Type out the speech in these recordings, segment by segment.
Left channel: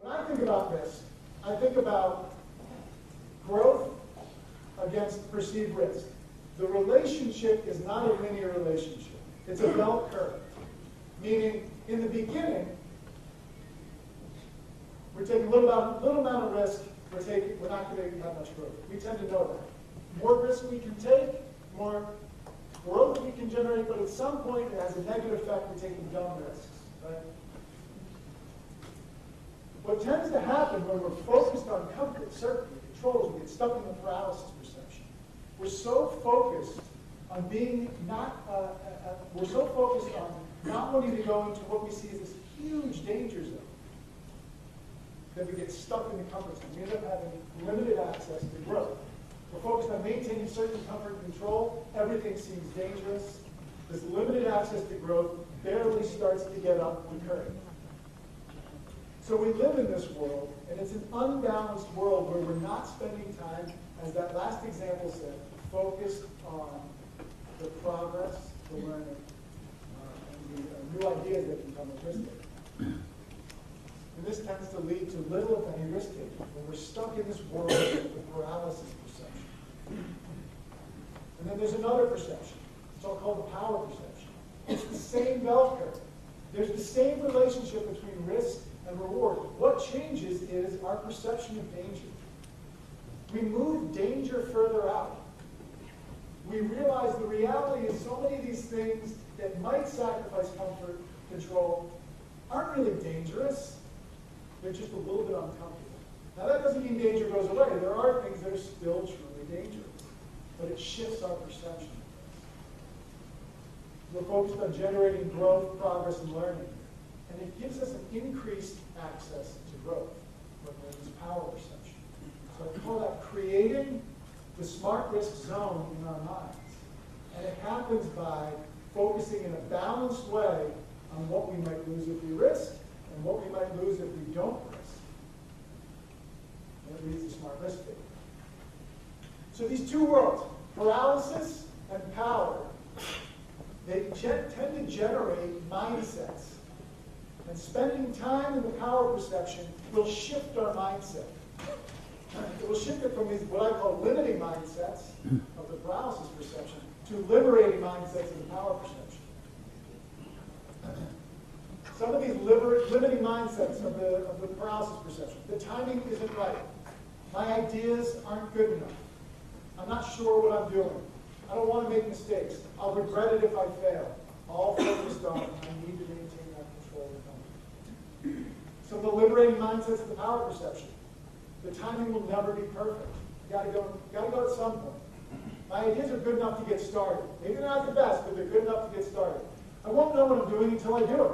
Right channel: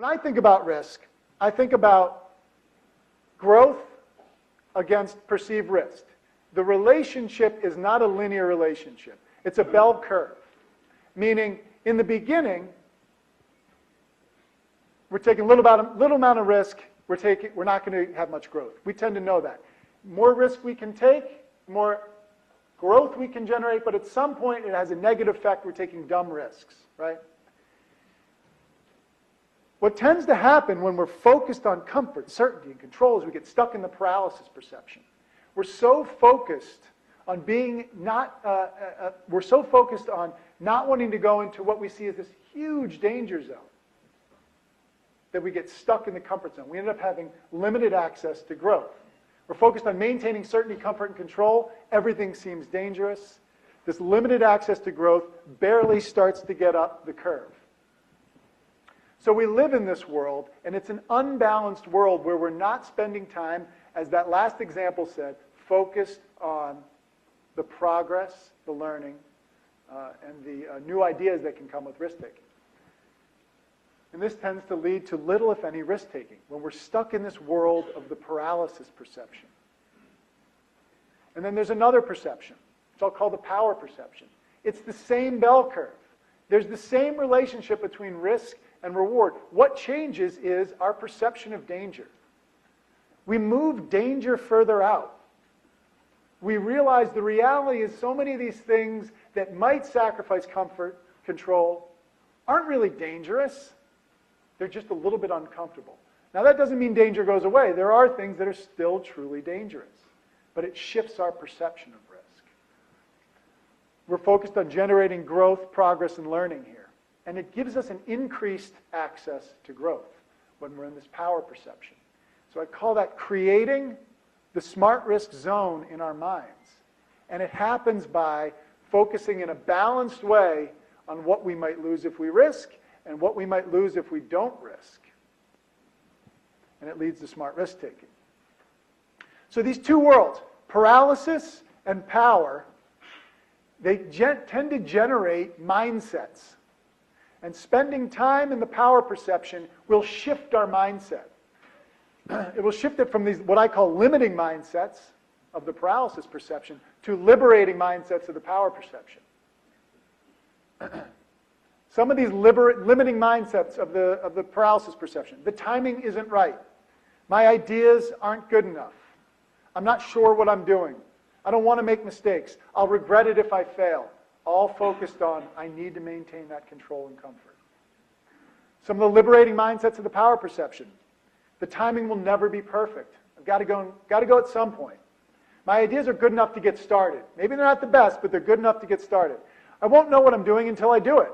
When I think about risk, I think about growth against perceived risk. The relationship is not a linear relationship. It's a bell curve, meaning in the beginning, we're taking a little amount of risk, we're not going to have much growth. We tend to know that. More risk we can take, more growth we can generate, but at some point it has a negative effect. We're taking dumb risks, right? What tends to happen when we're focused on comfort, certainty, and control is we get stuck in the paralysis perception. We're so focused on not wanting to go into what we see as this huge danger zone that we get stuck in the comfort zone. We end up having limited access to growth. We're focused on maintaining certainty, comfort, and control. Everything seems dangerous. This limited access to growth barely starts to get up the curve. So we live in this world, and it's an unbalanced world where we're not spending time, as that last example said, focused on the progress, the learning, and the new ideas that can come with risk-taking. And this tends to lead to little, if any, risk-taking, when we're stuck in this world of the paralysis perception. And then there's another perception. It's all called the power perception. It's the same bell curve. There's the same relationship between risk and reward. What changes is our perception of danger. We move danger further out. We realize the reality is so many of these things that might sacrifice comfort, control, aren't really dangerous. They're just a little bit uncomfortable. Now that doesn't mean danger goes away. There are things that are still truly dangerous, but it shifts our perception of risk. We're focused on generating growth, progress, and learning here. And it gives us an increased access to growth when we're in this power perception. So I call that creating the smart risk zone in our minds. And it happens by focusing in a balanced way on what we might lose if we risk and what we might lose if we don't risk. And it leads to smart risk taking. So these two worlds, paralysis and power, they tend to generate mindsets. And spending time in the power perception will shift our mindset. It will shift it from these, what I call limiting mindsets of the paralysis perception, to liberating mindsets of the power perception. Some of these limiting mindsets of the paralysis perception. The timing isn't right. My ideas aren't good enough. I'm not sure what I'm doing. I don't want to make mistakes. I'll regret it if I fail. All focused on, I need to maintain that control and comfort. Some of the liberating mindsets of the power perception. The timing will never be perfect. I've got to go at some point. My ideas are good enough to get started. Maybe they're not the best, but they're good enough to get started. I won't know what I'm doing until I do it.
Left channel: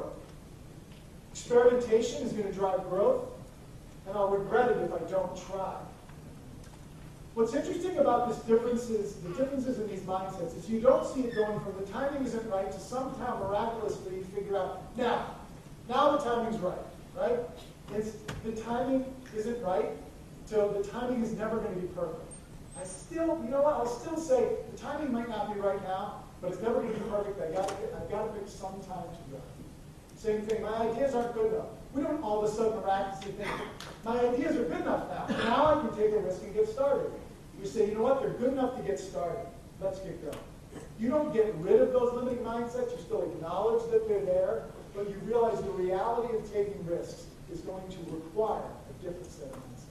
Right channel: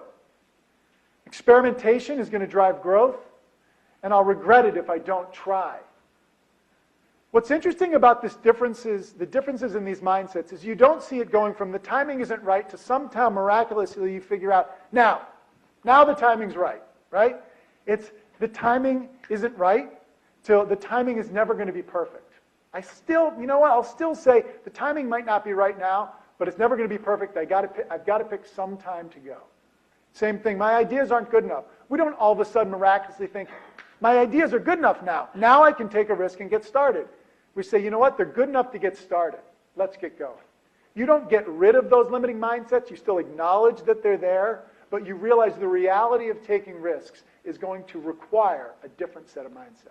Experimentation is going to drive growth, and I'll regret it if I don't try. What's interesting about the differences in these mindsets is you don't see it going from the timing isn't right to somehow miraculously you figure out, now the timing's right? It's the timing isn't right till the timing is never going to be perfect. I'll still say the timing might not be right now, but it's never going to be perfect. I've got to pick some time to go. Same thing, my ideas aren't good enough. We don't all of a sudden miraculously think, my ideas are good enough now. Now I can take a risk and get started. We say, you know what, they're good enough to get started. Let's get going. You don't get rid of those limiting mindsets. You still acknowledge that they're there, but you realize the reality of taking risks is going to require a different set of mindsets.